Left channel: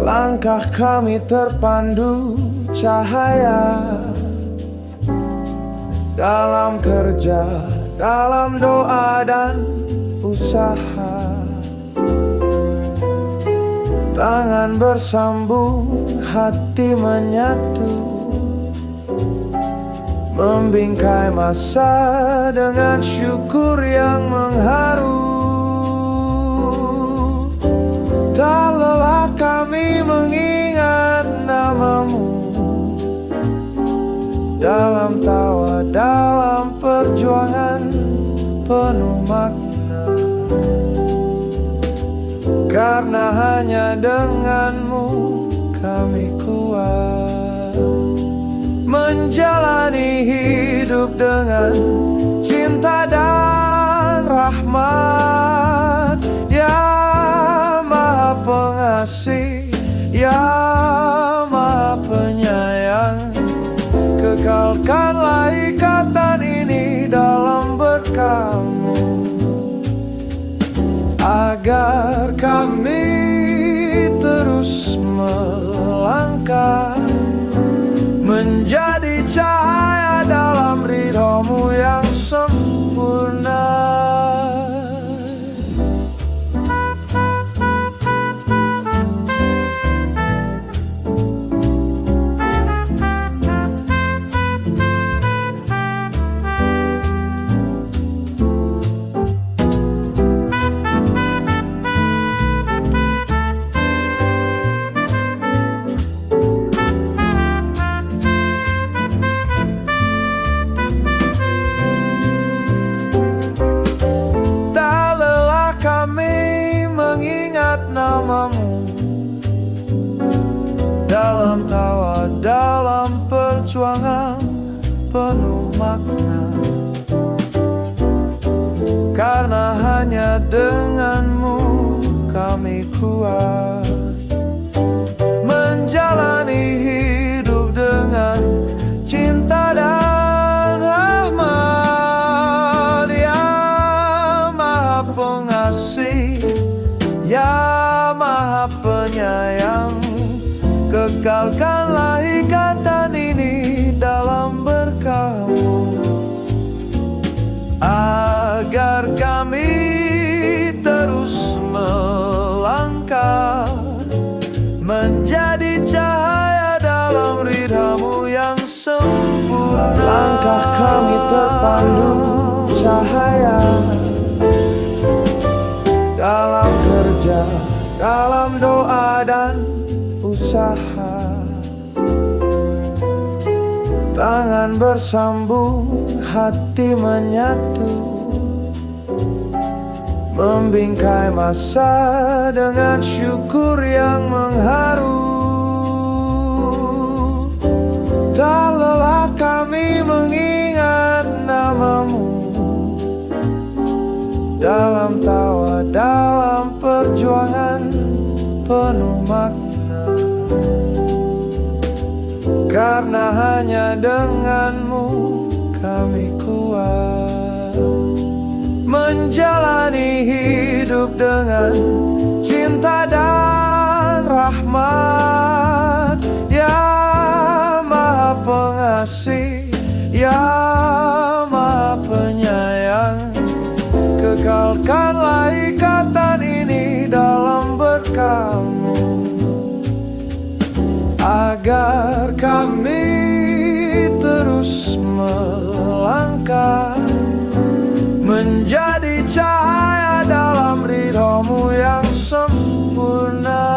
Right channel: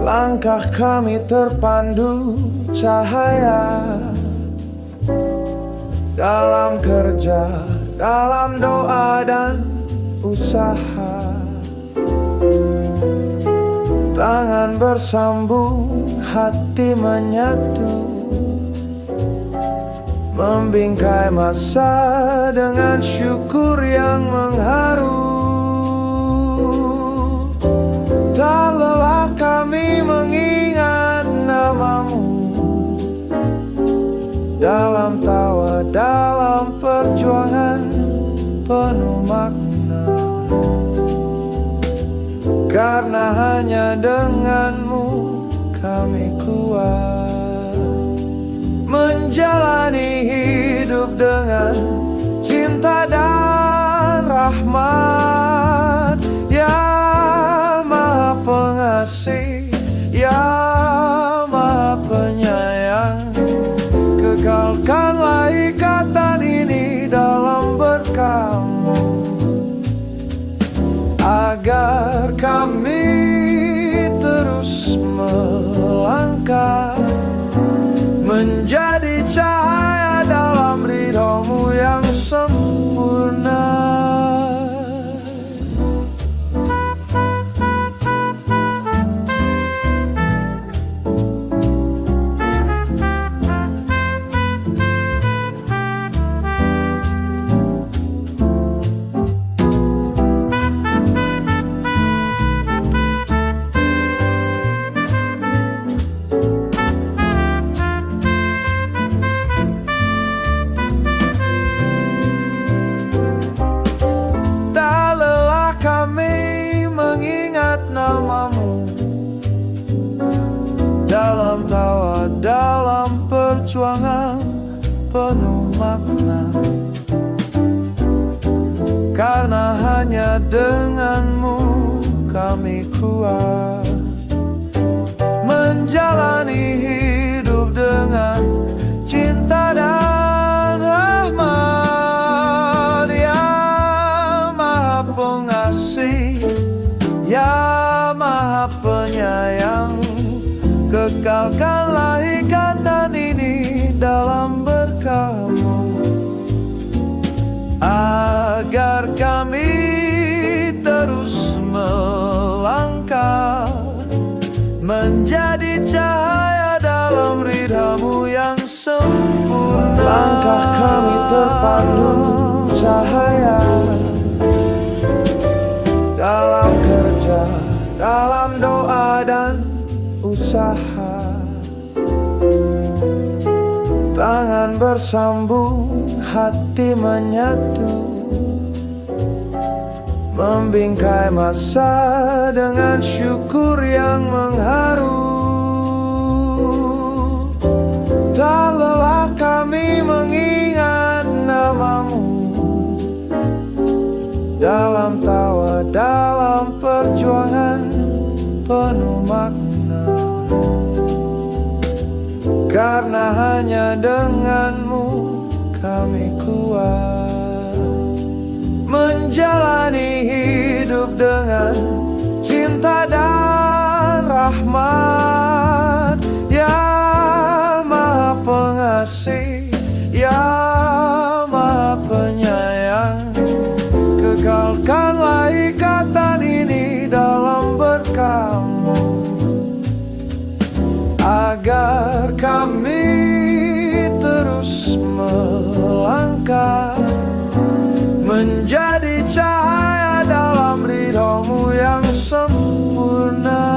Langkah kami terpandu cahaya, dalam kerja, dalam doa dan usaha. Tangan bersambung, hati menyatu, membingkai masa dengan syukur yang mengharu. Tak lelah kami mengingat namamu, dalam tawa, dalam perjuangan penuh makna. Karena hanya denganmu kami kuat menjalani hidup dengan cinta dan rahmat. Ya Maha Pengasih, Ya Maha Penyayang, kekalkanlah ikatan ini dalam berkah-Mu, agar kami terus melangkah menjadi cahaya dalam ridho-Mu yang sempurna. Kami mengingat namamu, dalam tawa, dalam perjuangan penuh makna. Karena hanya denganmu kami kuat menjalani hidup dengan cinta dan rahmat. Ya Maha Pengasih, Ya Maha Penyayang, kekalkanlah ikatan ini dalam berkah-Mu, agar kami terus melangkah menjadi cahaya dalam ridha-Mu yang sempurna. Langkah kami terpandu cahaya, dalam kerja, dalam doa dan usaha. Tangan bersambung, hati menyatu, membingkai masa dengan syukur yang mengharu. Tak lelah kami mengingat namamu, dalam tawa, dalam perjuangan penuh makna. Karena hanya denganmu kami kuat menjalani hidup dengan cinta dan rahmat. Ya Maha Pengasih, Ya Maha Penyayang, kekalkanlah ikatan ini dalam berkah-Mu, agar kami terus melangkah menjadi cahaya dalam ridho-Mu yang sempurna.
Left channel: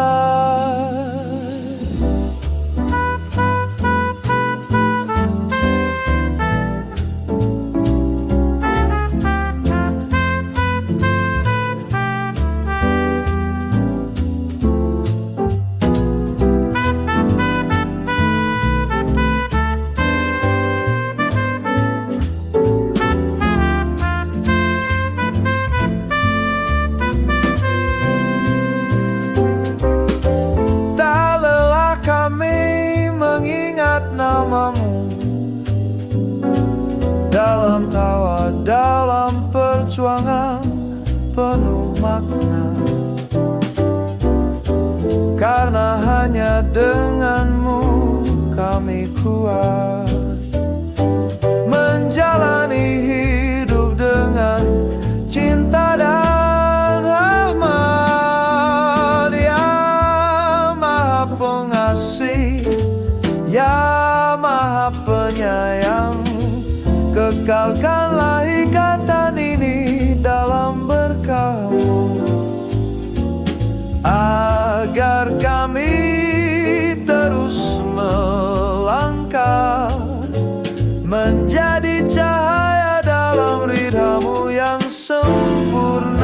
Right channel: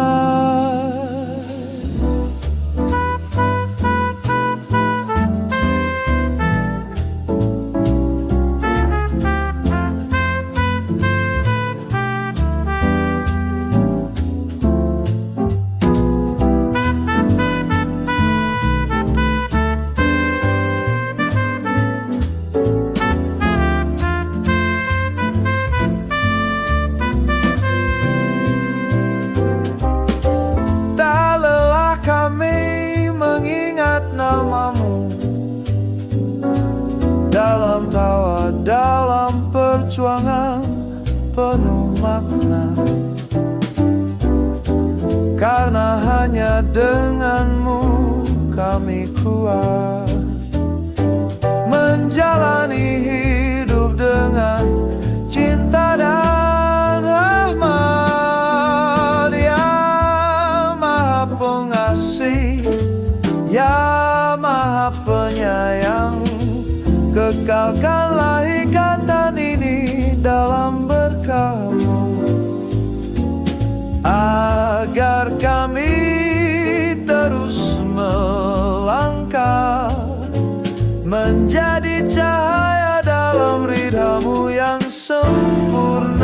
Kami mengingat namamu, dalam tawa, dalam perjuangan penuh makna. karena hanya denganmu kami kuat menjalani hidup dengan cinta dan rahmat. Ya Maha Pengasih, Ya Maha Penyayang, kekalkanlah ikatan ini dalam berkah-Mu, agar kami terus melangkah menjadi cahaya dalam ridha-Mu yang sempurna.